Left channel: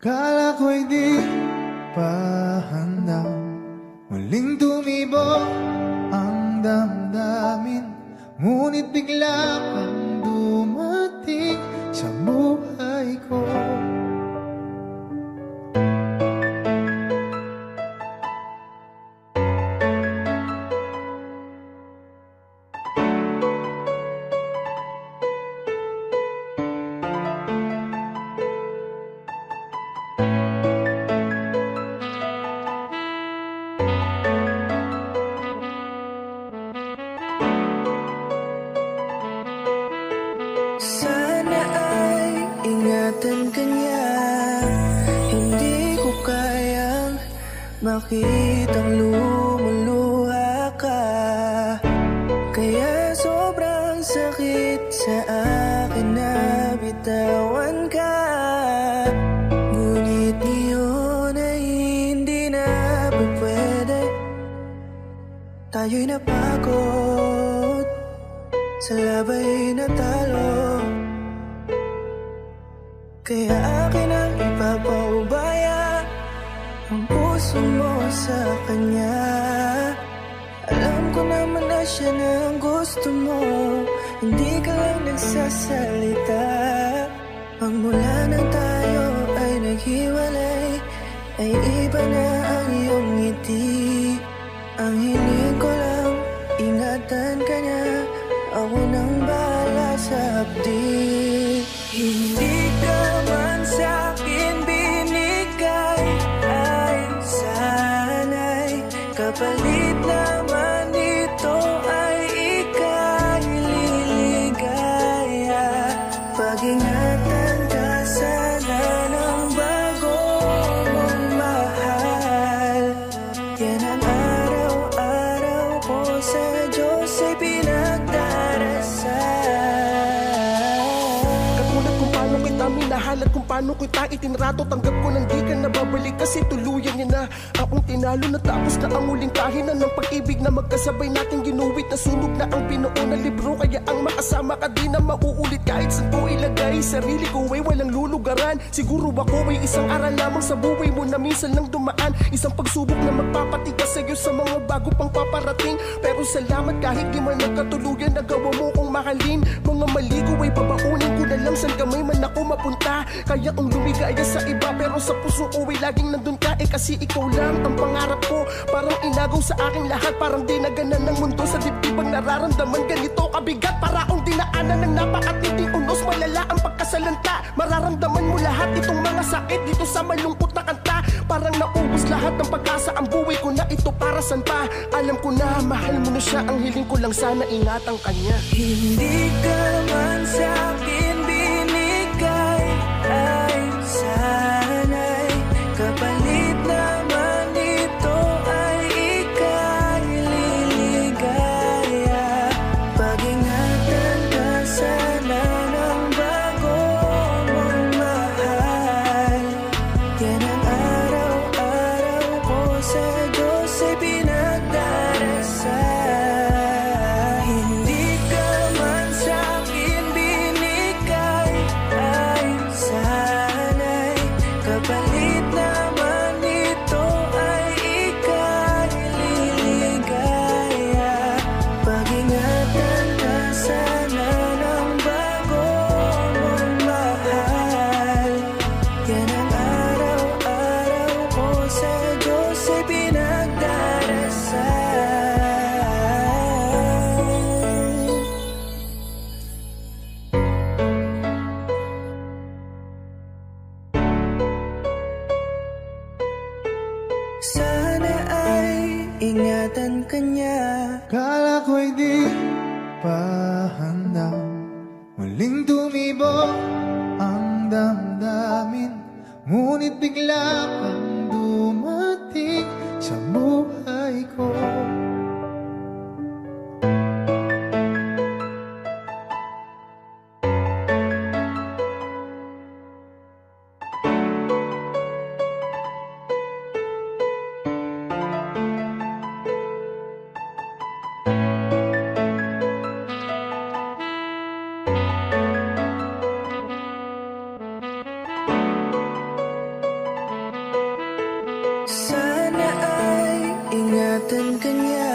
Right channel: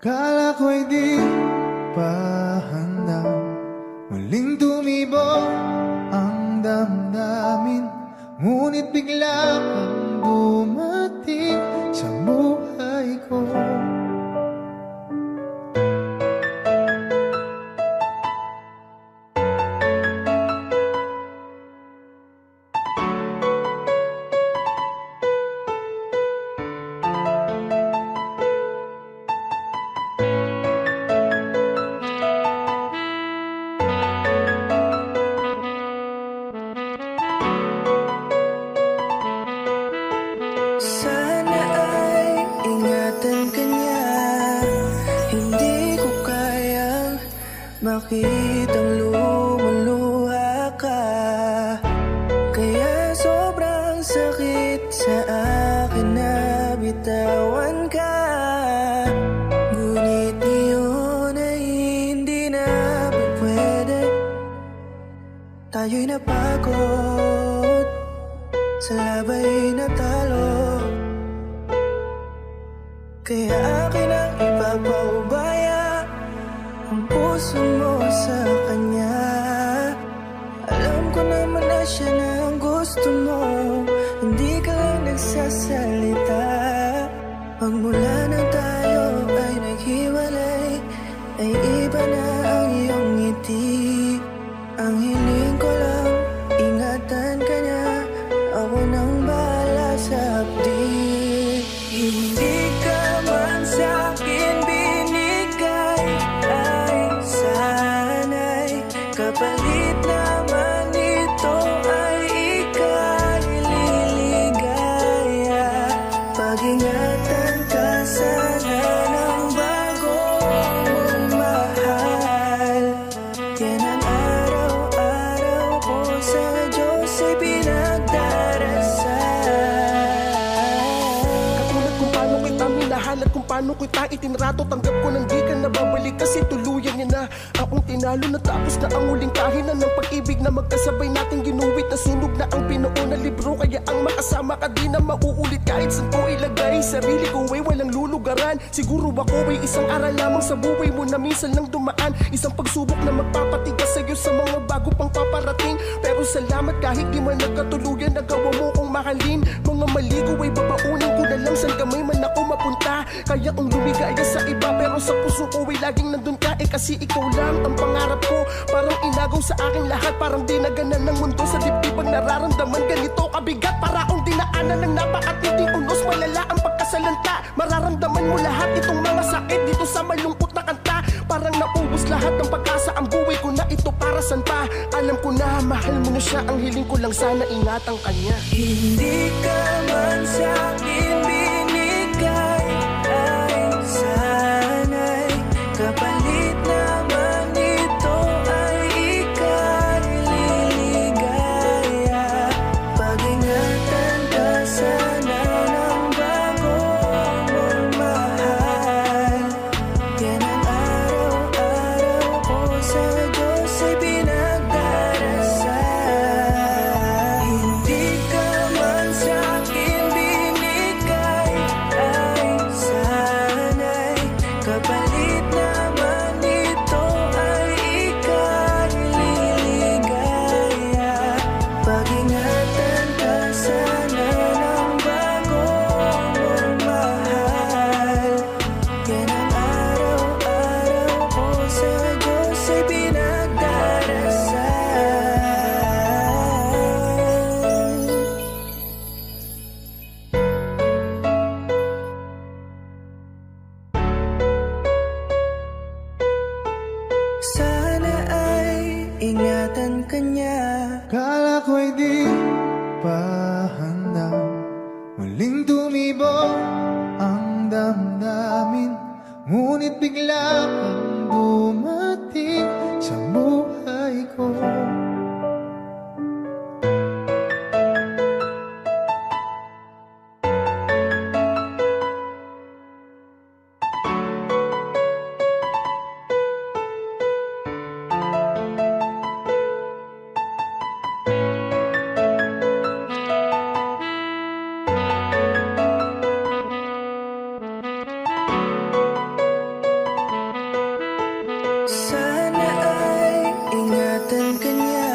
Kala ko'y di pa handa, muling tumibok ang damdamin. Ngunit bigla kang dumating sa buhay ko. Sana ay ingatan ka niya. Hindi ko kayang makitang lumuluha ka. Kaya sobrang sakit sa akin na bitawan ka. Ngunit ngayon ay hindi na pwede. Tayo'y napagod sa labay na talo. Kaya akin ang ipapaubaya ang puso mo sa kanya. Alam ko naman na siya na ang gusto mo, hindi ka lang nagsasalita. Pagmula nang tayo ay naghiwalay, ay iba na ang iyong ngiti. Ang hiling ko lang, ingatan ka niya. Ako nang bahala sa hapdi. Hindi ka man sa'kin binigay, ay sana'y kapalit naman ito ay ika'y liligaya. Pag-ingatan ka sana ng bago mong mahal. Yan ang araw-araw ko sa Diyos ay pinagdarasal. Katulad kung paano kita minahal at kung paano kita itinrato, tanggap ko nang di ka nababalik kasi tuluyan niya na akong tinalo. Natapos na ang huling kahinan ng pag-ibig na magkasabay nating ginuwit. Nasunog na ang pinuo na libro, kaya ang makasama ka di na mauulit. Kahit saan ko ilagay sarili ko ay walang lulugaran. Siguro ako ay isang aral lamang sa buhay mo na minsan lang dumaan. Isang pagsubok na magpapatigas sa'yo sa mga bago pang paparating. Pero salamat kahit di man nagkatuluyan, nagawa mo kong mahalin. Mga mali ko ay babaunin ko na lang saan kamay man ako mapunta. Kaya kung lumigaya sa iba pero sa puso ko ay laging nandun ka. Kasi ikaw lang ang pangarap ko. Parang inagaw sa aking lahat, parang dinaganan ng mundo sa dibdib ang nararamdaman. Ganito kabigat para akong dinaanan ng napakatinding unos. Malala ang pagkasalanta, mararamdaman mo lahat itong mga sakit dito sa malungkot na kanta. Parang naubos lahat ng pag-asa, ang buhay ko na ito para saan pa. Alam ko na mahal mo na siya, ang hiling ko lang sana ingatan kanya. Hindi ka man sa'kin binigay, ay sana'y kapalit naman ito ay ika'y liligaya. Pag-ingatan ka sana ng bago mong mahal. Yan ang araw-araw ko sa Diyos ay pinagdarasal. Hindi ka man sa'kin binigay, ay sana'y kapalit naman ito ay ika'y liligaya. Pag-ingatan ka sana ng bago mong mahal. Yan ang araw-araw ko sa Diyos ay pinagdarasal. Sana ay ingatan ka niya. Kala ko'y di pa handa, muling tumibok ang damdamin. Ngunit bigla kang dumating sa buhay ko. Sana ay ingatan ka niya.